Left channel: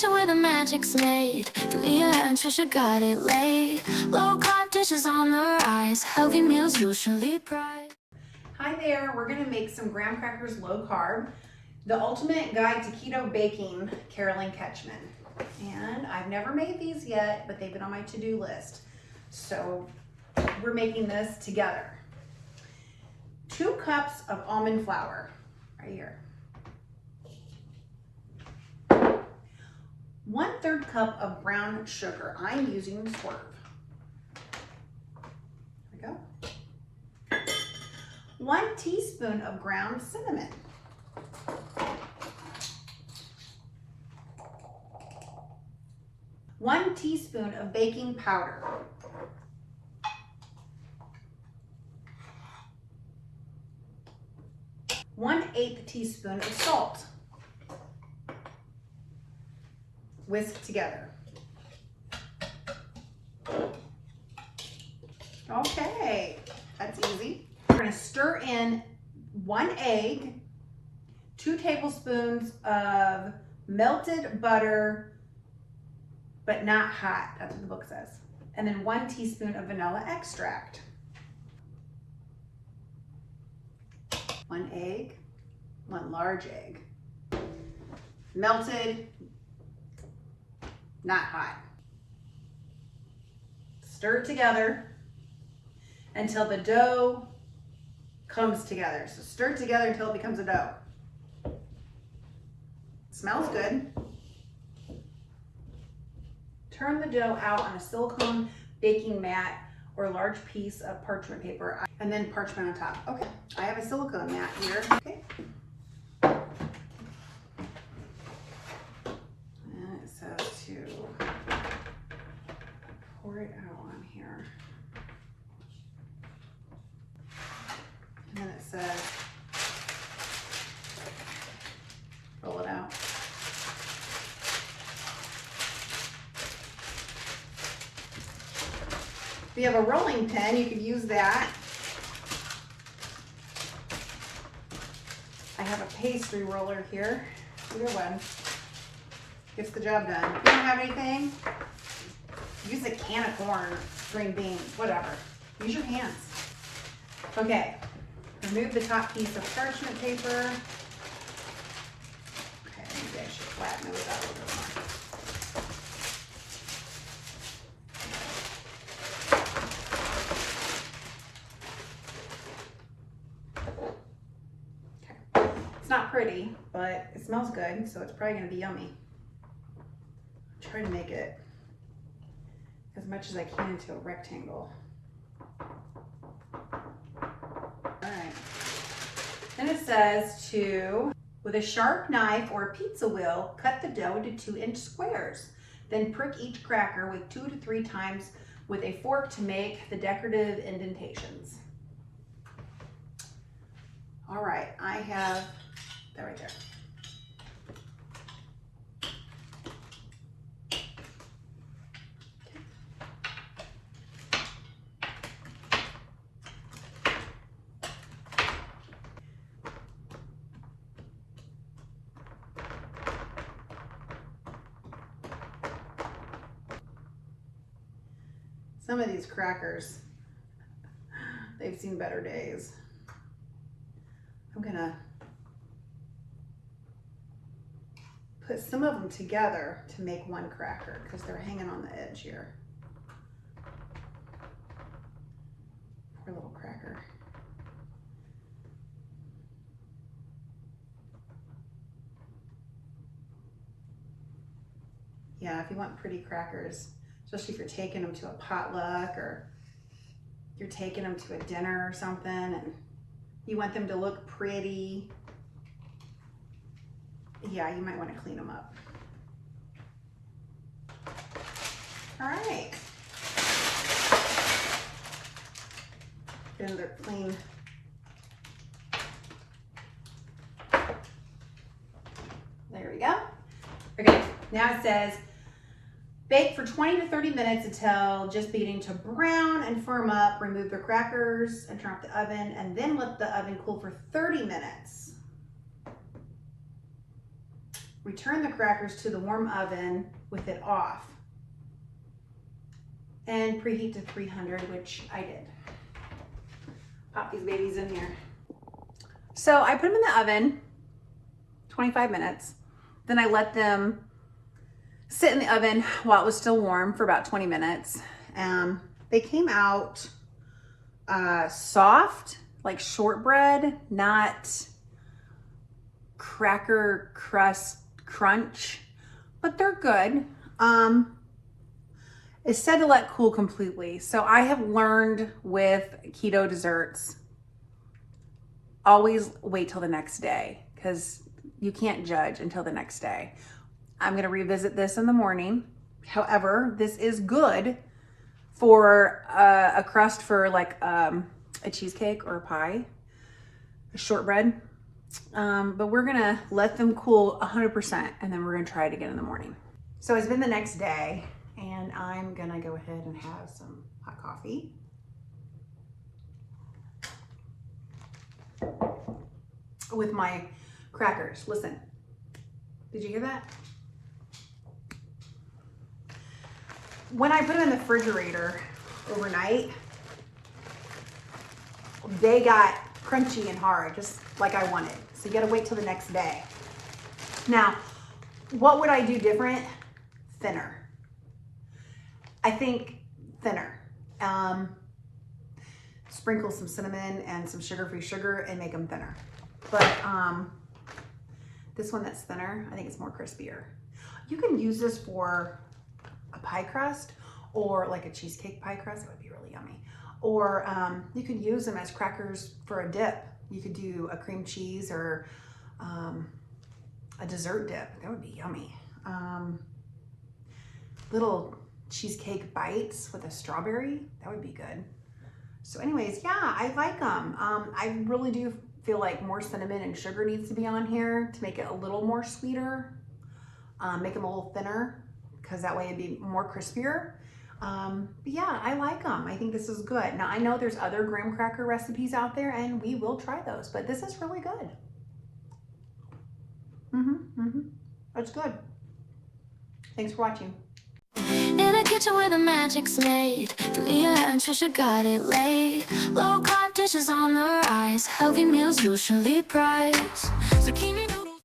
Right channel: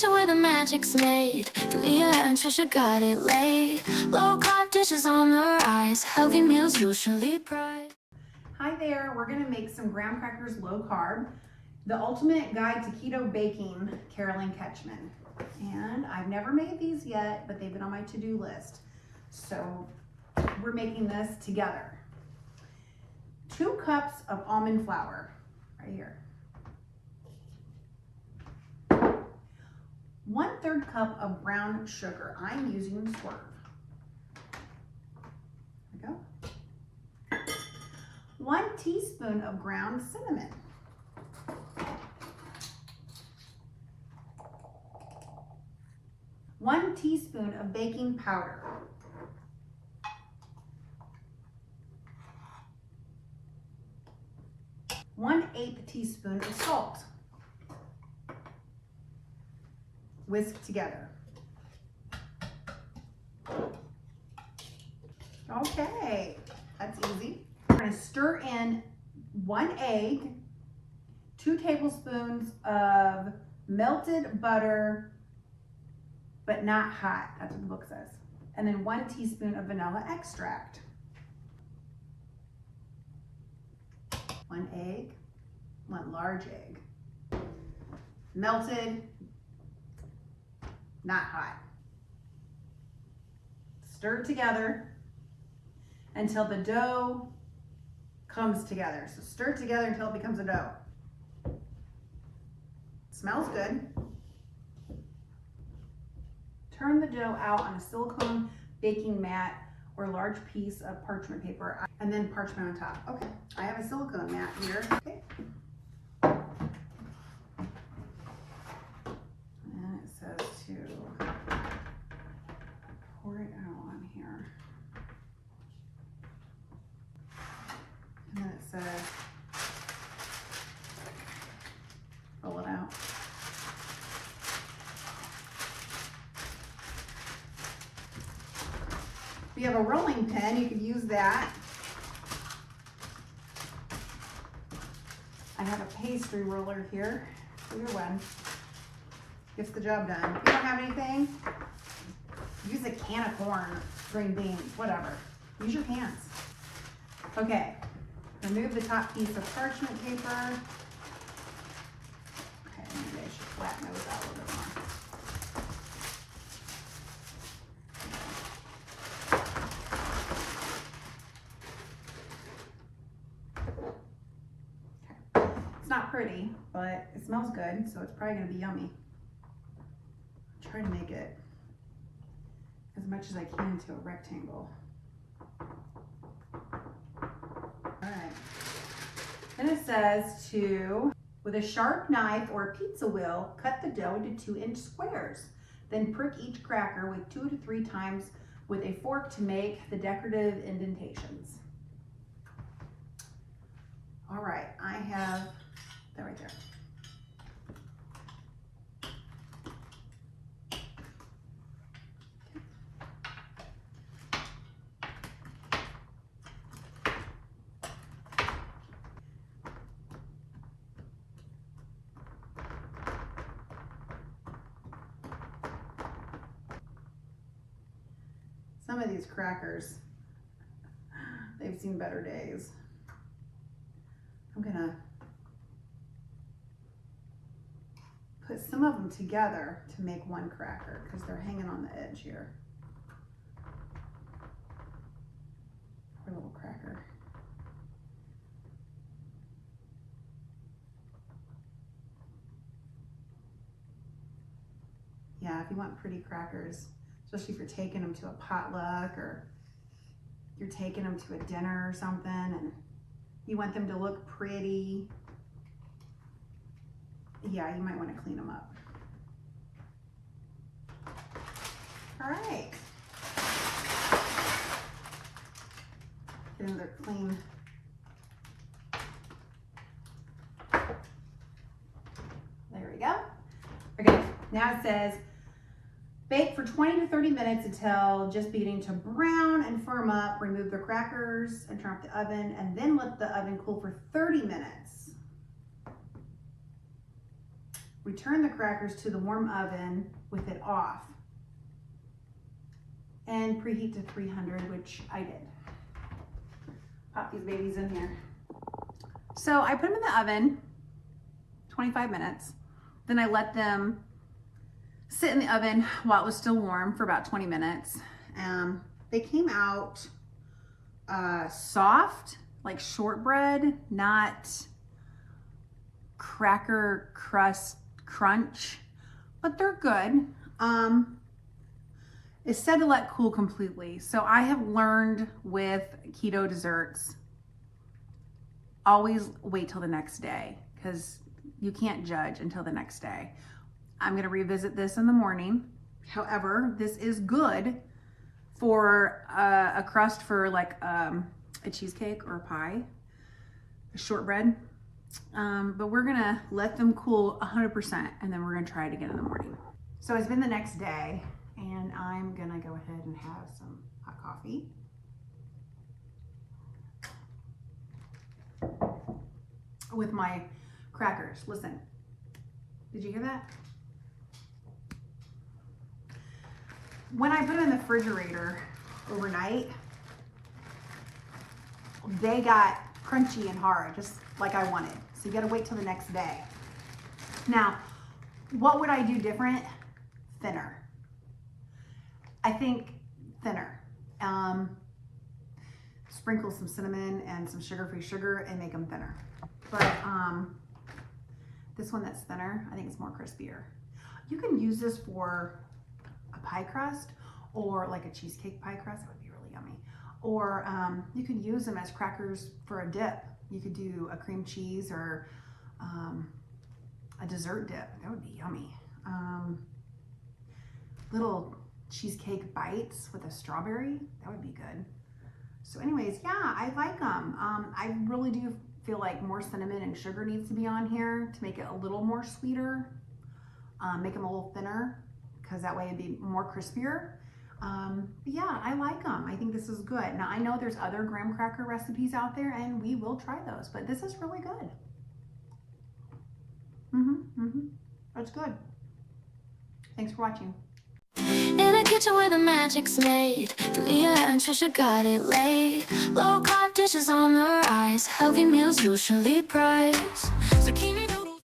kitchen where the magic's made. Leah and Trisha got it laid. Low-carb dishes on the rise. Healthy meals usually pride. Hi there, we're gonna make some graham crackers low carb. The Ultimate Guide to Keto Baking, Carolyn Ketchman. And I've never made these yet, but they've been on my to-do list. So we're making this together. 2 cups of almond flour, right here. 1/3 cup of brown sugar. I'm using Swerve. There we go. 1 teaspoon of ground cinnamon. 1 teaspoon of baking powder. 1/8 teaspoon of salt. Whisk together. Okay, that's easy. We're gonna stir in 1 egg, 2 tablespoons of melted butter, but not hot, that's what the book says. And then 1 teaspoon of vanilla extract. 1 egg, 1 large egg. Melted, not hot. Stir it together until the dough comes together. So stir it together until it becomes a dough. Smells good. Turn the dough out on a silicone baking mat or a large piece of parchment paper, and then parchment on top. Okay, I have a silicone mat here. Okay. And it says to pour it out on here. And then it says roll it out. If you have a rolling pin, you could use that. I have a pastry roller here. Either one gets the job done. If you don't have anything, use a can of corn or green beans, whatever. Use your hands. Okay, remove the top piece of parchment paper. Okay, maybe I should flatten it with that a little bit more. Not pretty, but it smells good, so it's probably gonna be yummy. Try to make it as much as I can into a rectangle. All right. Then it says to, with a sharp knife or a pizza wheel, cut the dough into 2-inch squares. Then prick each cracker with 2 to 3 times with a fork to make the decorative indentations. All right, I have that right there. Some of these crackers, they've seen better days. I'm gonna put some of them together to make 1 cracker because they're hanging on the edge here. Poor little cracker. Yeah, if you want pretty crackers, especially if you're taking them to a potluck or you're taking them to a dinner or something and you want them to look pretty, yeah, you might want to clean them up. All right. Get them their clean. There we go. Okay, now it says bake for 20 to 30 minutes until just beginning to brown and firm up. Remove the crackers and turn off the oven, and then let the oven cool for 30 minutes. return the crackers to the warm oven with it off, and preheat to 300, which I did. Pop these babies in here. So I put them in the oven, 25 minutes. Then I let them sit in the oven while it was still warm for about 20 minutes. They came out soft, like shortbread, not cracker crust crunch, but they're good. It's said to let cool completely. So I have learned with keto desserts, always wait till the next day, because you can't judge until the next day. I'm gonna revisit this in the morning. However, this is good for a crust for like a cheesecake or a pie, a shortbread. But we're gonna let them cool 100% and then we're gonna try it again in the morning. So it's been the next day and I'm gonna go ahead and have some hot coffee. With my crackers. Listen, did you hear that? When I put them in the refrigerator overnight, they got crunchy and hard, just like I wanted. So you gotta wait till the next day. Now, what would I do different? Thinner. I think thinner. Sprinkle some cinnamon and some sugar-free sugar and make them thinner. But this one that's thinner, I think it's more crispier. You can use this for a pie crust or like a cheesecake pie crust. It would be really yummy. Or you could use them as crackers for a dip. You could do a cream cheese or a dessert dip. That would be yummy. Little cheesecake bites with a strawberry. That would be good. So anyways, yeah, I like them. I really do feel like more cinnamon and sugar needs to be on here to make it a little more sweeter. Make them a little thinner, because that way it'd be more crispier. But yeah, I like them. I think this is good. Now I know there's other graham cracker recipes out there and we will try those, but this is really good. That's good. Thanks for watching. In the kitchen where the magic's made, Leah and Trisha got it laid. Low-carb dishes on the rise, healthy meals usually prize. Zucchini